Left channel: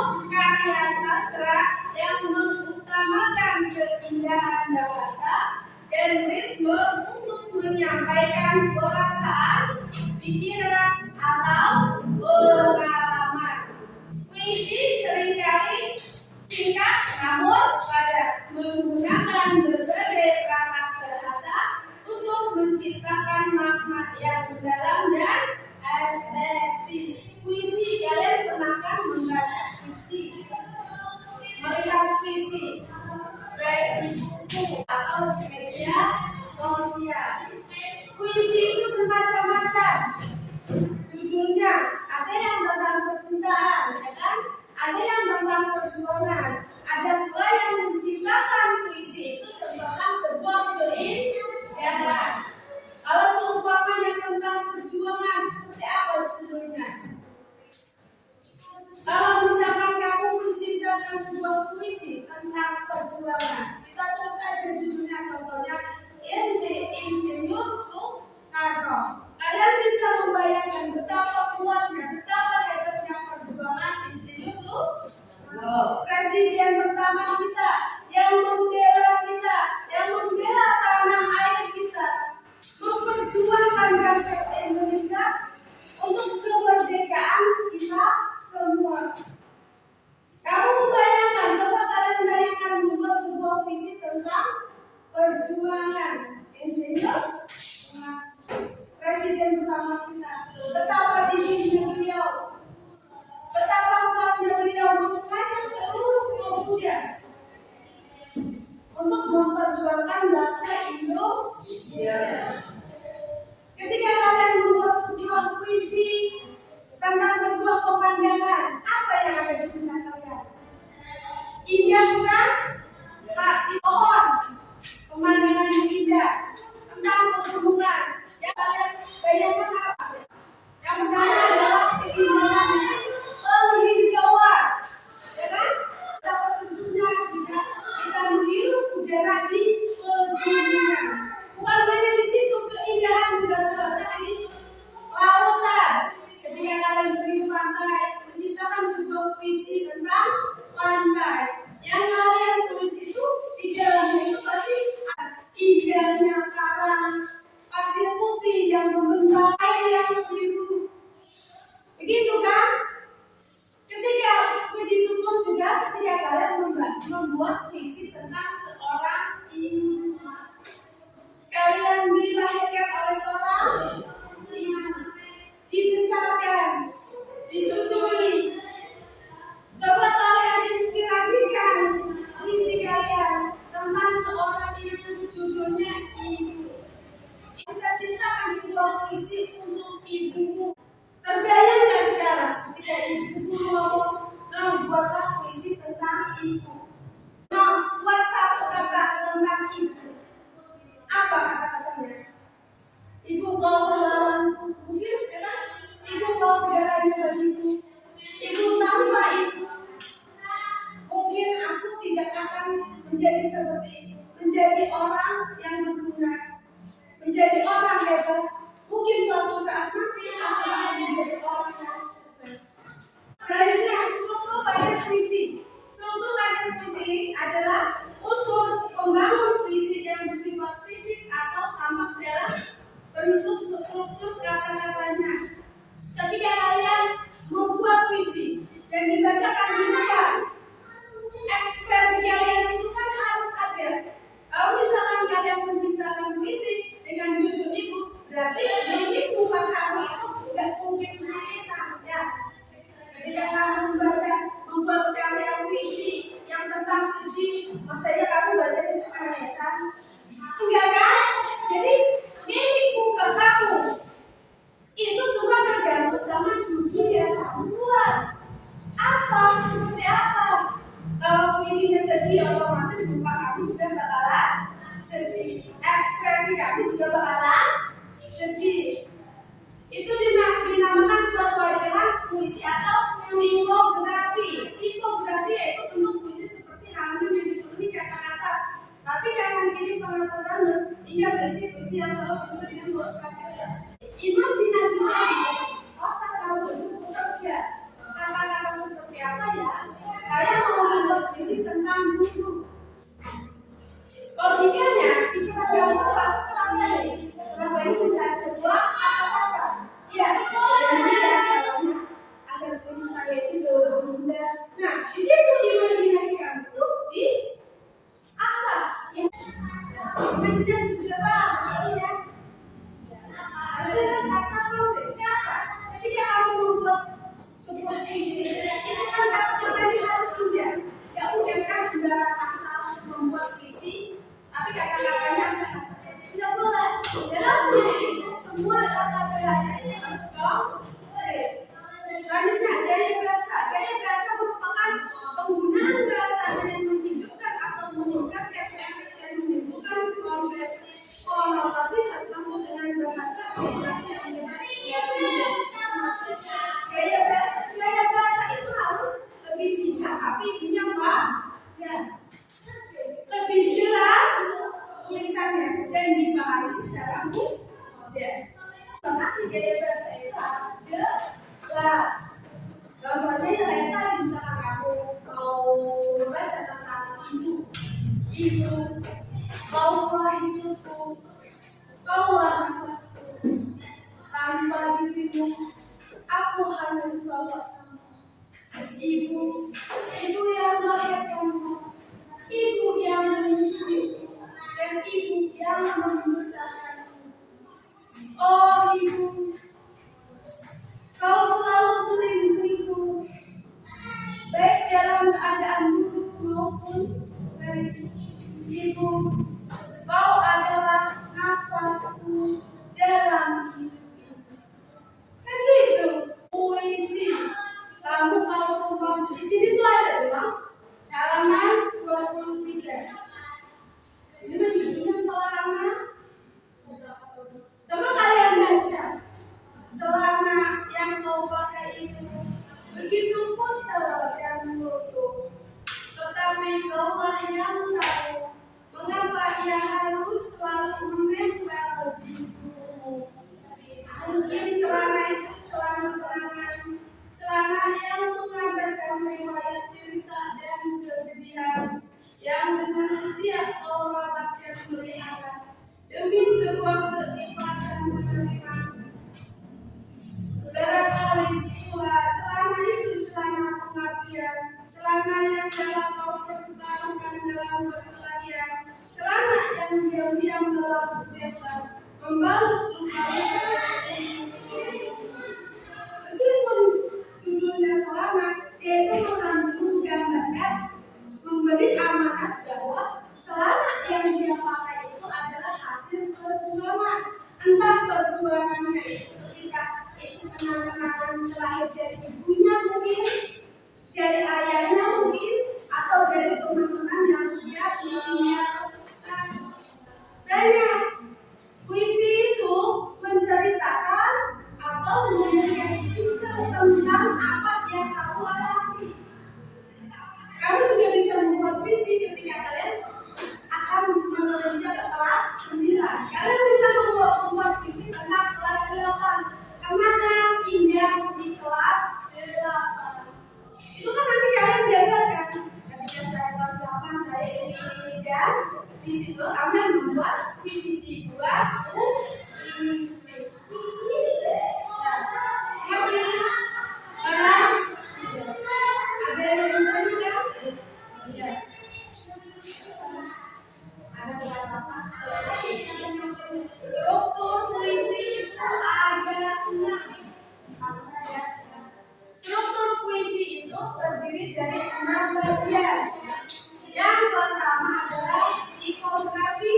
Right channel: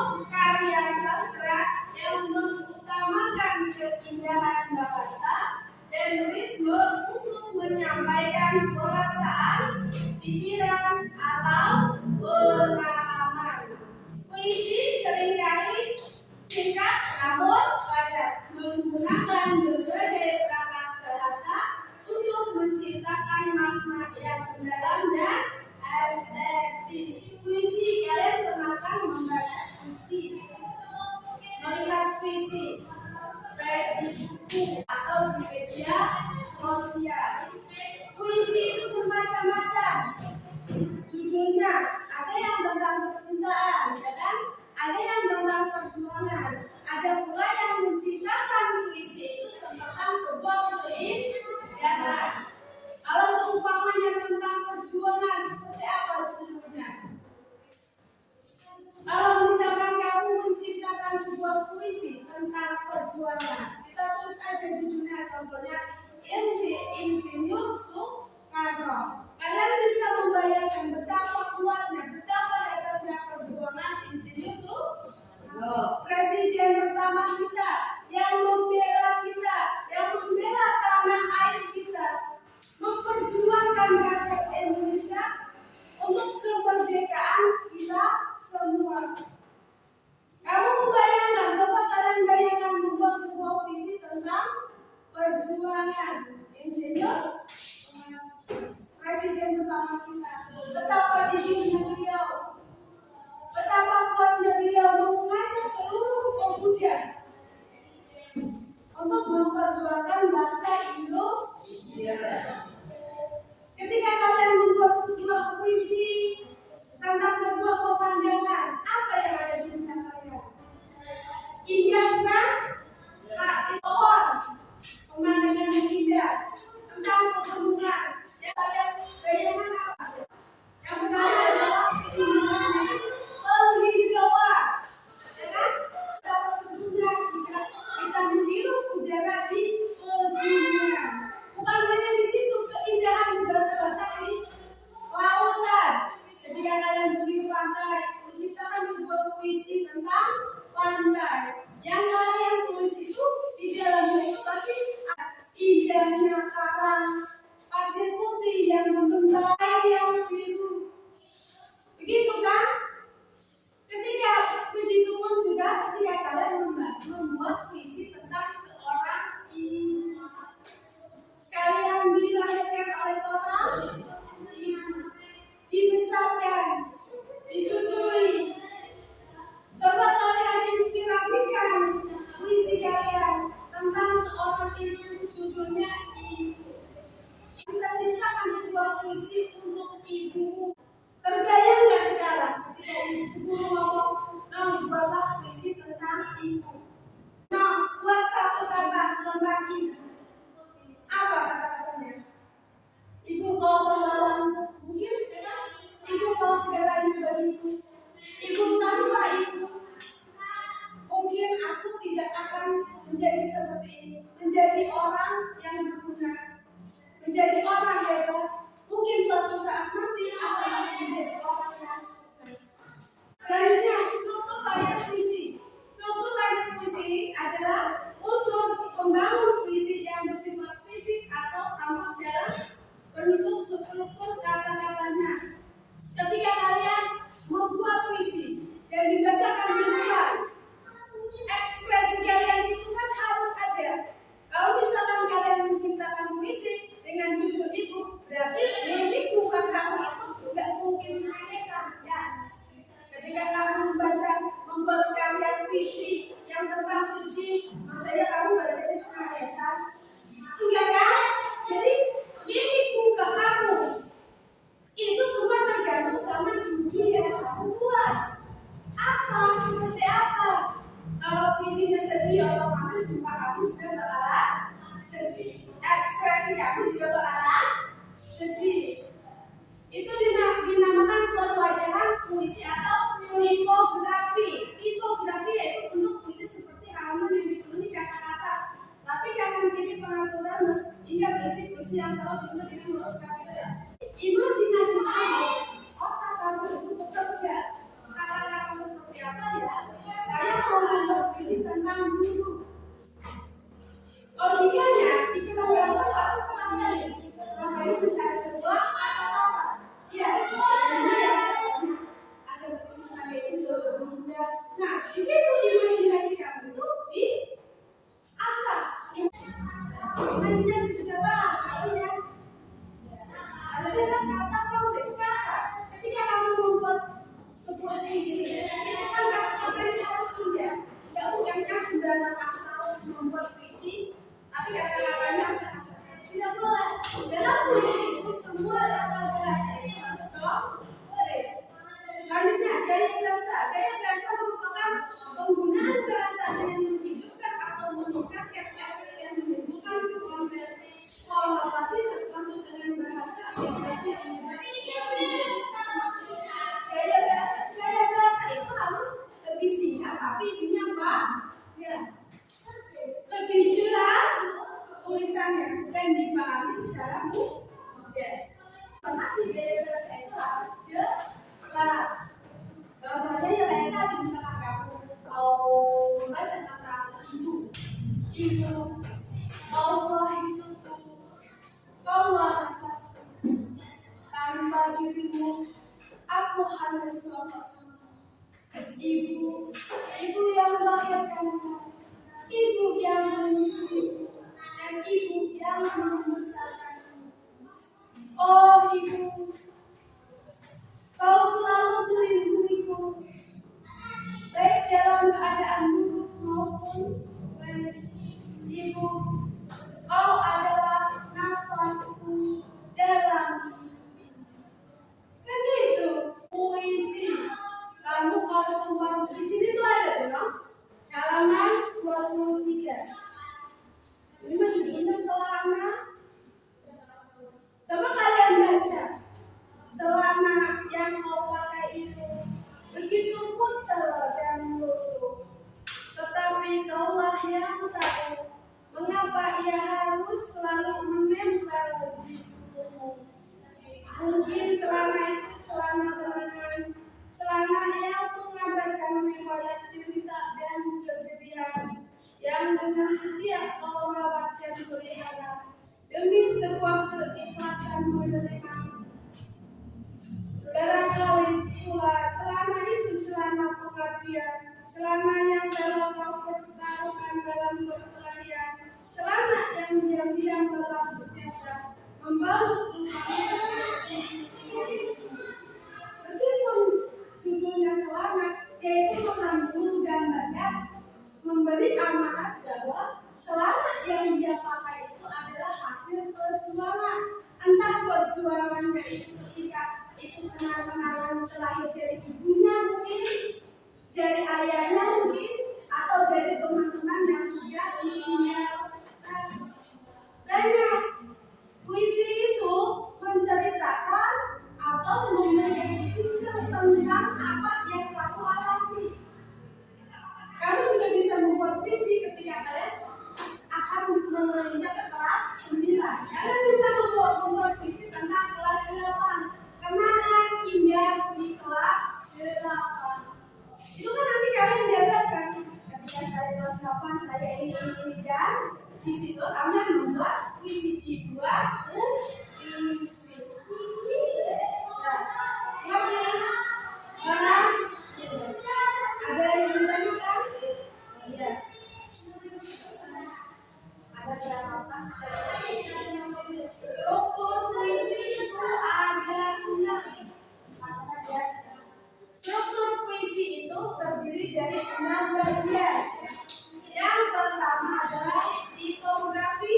bentuk karya sastra yang mengutamakan keindahan bahasa dan ritme untuk menyampaikan perasaan, pikiran, atau pengalaman. Puisi seringkali singkat namun padat, menggunakan berbagai perangkat bahasa untuk menciptakan makna yang mendalam dan estetis. Puisi, kalian pernah kan membaca puisi, melihat puisi baik di buku atau di media sosial. Puisi itu bermacam-macam judulnya. Ada yang tentang percintaan, ya kan? Ada yang tentang perjuangan. Ada pula yang menciptakan puisi itu tentang sebuah keindahan. Kalau seumpamanya tentang perjuangan, seperti apa judulnya? Kalau misalkan kamu menciptakan sebuah puisi tentang perjuangan, kita terus aja judulnya, contohnya Insinyur Soekarno. Kalian bisa membayangkan betapa kuatnya, betapa hebatnya perjuangan Insinyur Soekarno, presiden pertama kita, yang membela kita, yang membela tanah air kita, memperjuangkan rakyat Indonesia untuk kemerdekaan kita semua. Kamu membayangkan, coba kalian bayangkan membuat sebuah puisi tentang perjuangan Insinyur presiden pertama kita. Betapa dinginnya beliau, betapa kuatnya beliau mengajak seluruh pemuda untuk memperjuangkan bangsa Indonesia. Ketika kalian membuat sebuah puisi tentang sebuah pemandangan, apa yang ada di benak kalian? Indah bukan? Pohon, pemandangan yang indah, tentang pegunungan. Yang kalian bayangkan apa? Yang pertama adalah keindahan penghijauan, ya kan? Betapa sejuknya jika kita menghirup udara di pegunungan. Bukan hanya di situ keindahan juga terletak di lautan. Ketika kalian pergi ke pantai, menciptakan sebuah puisi tentang pantai, yang kalian tulis itu di dalamnya itu pasti indahnya karang, pasir putih yang membentang, air yang biru. Begitu kan? Ketika begitu pun juga ketika kalian membuat puisi tentang seorang ibu. Kalian dilahirkan oleh seorang ibu, dibesarkan, disusui. Coba kalian inspirasikan puisi kalian tentang seorang ibu, judulnya Ibu. Kita ciptakan sebuah puisi untuk ibumu. Terbayang gak sekarang ketika ibumu ngomong, nah buatlah puisi tentang ibu. Nah, buat satu kata tentang ibu. Apa kata-katanya? Ibu kau pahlawanku, mungkin ya? Ibu kau segalanya bagiku. Ibu tanpa ibu, mungkin aku tidak akan menjadi seperti ini, menjadi orang yang berguna, menjadi orang hebat. Mungkin suatu saat nanti aku akan menjadi orang yang sukses. Selanjutnya, struktur pada puisi. Struktur pada puisi adalah unsur pembangun puisi yang bersifat fisik atau tampak dalam bentuk struktur kata-katanya. Ketika kalian membuat puisi dan dibacakan di depan, ekspresi kalian itu kan harus ada. Kalau misalkan kalian menciptakan puisi dengan judul ibu, berarti di muka kamu itu tidak mungkin cengengesan, ya. Ketika kamu situ imajinasi kamu tuh diasah. Imajinasi sudah paham ya? Ada kata konkret apa? Ketika kamu membuat sebuah puisi, itu kan kata-katanya harus indah. Ya bukan kan sembarang asal membuat puisi, tapi kata-katanya harus tidak boleh. Dalam puisi itu semua tata bahasa itu harus konkret. Selanjutnya gaya bahasa. Gaya bahasa merupakan penggunaan bahasa dengan menghidupkan atau meningkatkan efek yang menimbulkan konotasi tertentu dengan bahasa yang gaya bahasa itu harus lebih singkat tapi isinya apa? Ya, lebih jelas tulisannya dan dipahami secara mudah. Informasi gaya bahasa itu harus jelas. Contohnya yang lain tadi misalkan kamu mau membaca tentang ibu, kaulah hidupku, kaulah nafasku, tanpa dirimu aku hanya sesosok sampah. Ibu yang melahirkanmu, ibu yang menyusuimu, dan ibu yang membesarkanmu. Oh ibu, kau selalu melindungiku, baik dalam keadaan buruk maupun baik. Ibu, kau adalah nafasku dalam hidupku. Kan gitu, puisi. Kamu kalau sumpah di sini tuh ada bilang halaman 23. Ini judulnya celana. Coba kalian baca. Celana yang kau pakai itu begitu kucel dan lusuh, tetapi kaulah yang tahu mengapa ia harus selalu menempel di tubuhmu. Mungkin celana itu celana kenangan, celana yang mengabarkan riwayat cerita dan kesedihan yang dengan setia kau rawat dan pelihara demi sebuah keikhlasan menerima. Barangkali pula celana itu celana pengabdian, celana yang dalam kau pertaruhkan dalam berkelahian, celana yang diam-diam telah biasa membalut luka-luka. Meskipun judulnya celana, yaitu menggambarkan memberi amanat bahwa celana yang dia pakai itu adalah hasil perjuangan. Entah perjuangannya itu ketika itu kenang-kenangan terlahir dari ibunya mungkin, dari ayahnya mungkin, atau dari teman-teman yang sudah ditinggalkan. Banyak puisi itu menceritakan atau memberikan ide tentang apa yang kamu alami. Kamu juga bisa membuat puisi ketika kalian akan menulisnya ke kelas 9. Kalian bisa membuat puisi tentang kelas 8. Kenangan indah di kelas 8. Itu kan nanti kalian jabarkan. Ketika saya kelas 8, saya ini dan di situ kalian membuat puisi dibuat puisi. Ada yang bertanya? Iya. Ada berapa? Struktur puisi itu ada 6. Apa saja? Struktur puisi itu terdiri dari 6 bagian. Yang pertama adalah tipografi,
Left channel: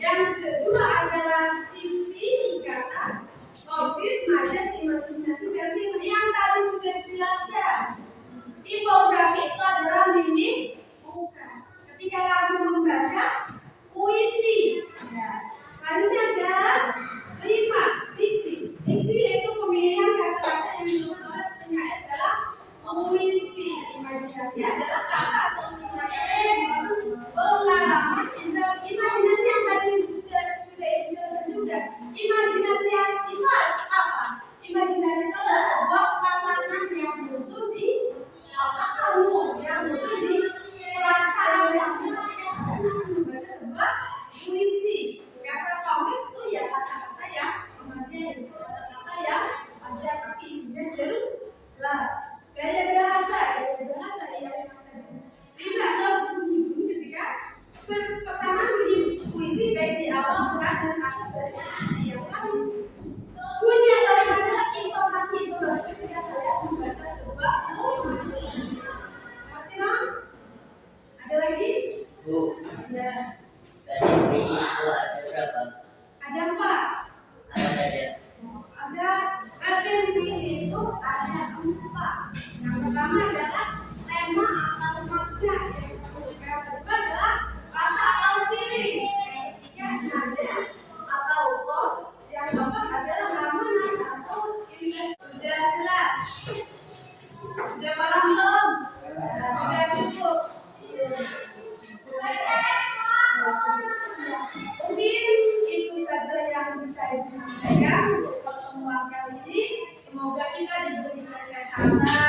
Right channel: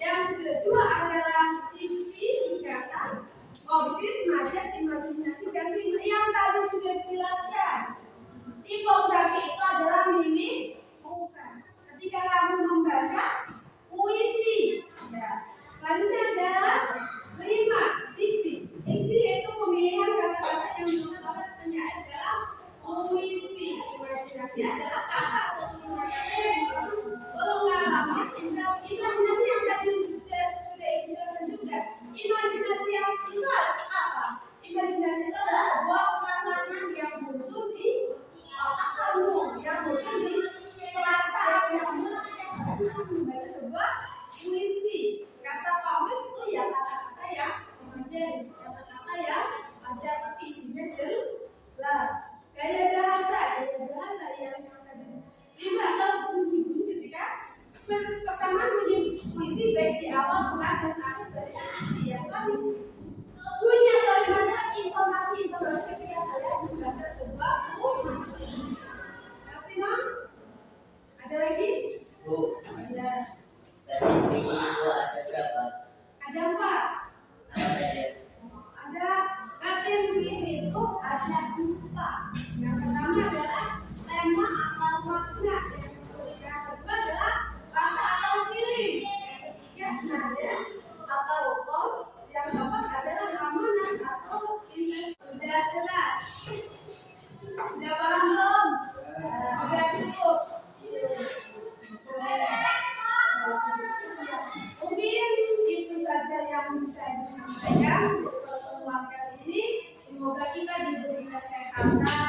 yang kedua adalah diksi, ikatan, konkret, majas, imajinasi, dan rima. Yang tadi sudah dijelaskan. Tipografi itu adalah mimik muka. Ketika kamu membaca puisi, ya. Lainnya adalah rima, diksi. Diksi yaitu pemilihan kata-kata yang dibuat oleh penyair dalam puisi. Imajinasi adalah kata atau pengalaman imajinasi yang tadi sudah dijelaskan juga. Imajinasi yang itu apa? Imajinasi itu adalah sebuah pengalaman yang muncul di otak kamu, yang muncul di perasaan kamu ketika kalian akan membaca sebuah puisi. Kata kamu itu ya kata-kata yang kemudian kata-kata yang ada tapi isinya jelas. Gaya bahasa yang Bu, Ada. tadi puisi itu ada berapa? Ada 4. Apa saja? Ada bagian puisi itu ada 4. Yang pertama adalah tema atau makna. Yang kedua adalah rasa atau feeling. Yang ketiga ada atau tone. Yang keempat adalah ramalan atau image. Sudah jelas? Sudah paham belum? Sudah cukup? Mungkin itu saja yang bisa ibu sampaikan untuk pertemuan kali ini. Semoga kita diberi kesehatan.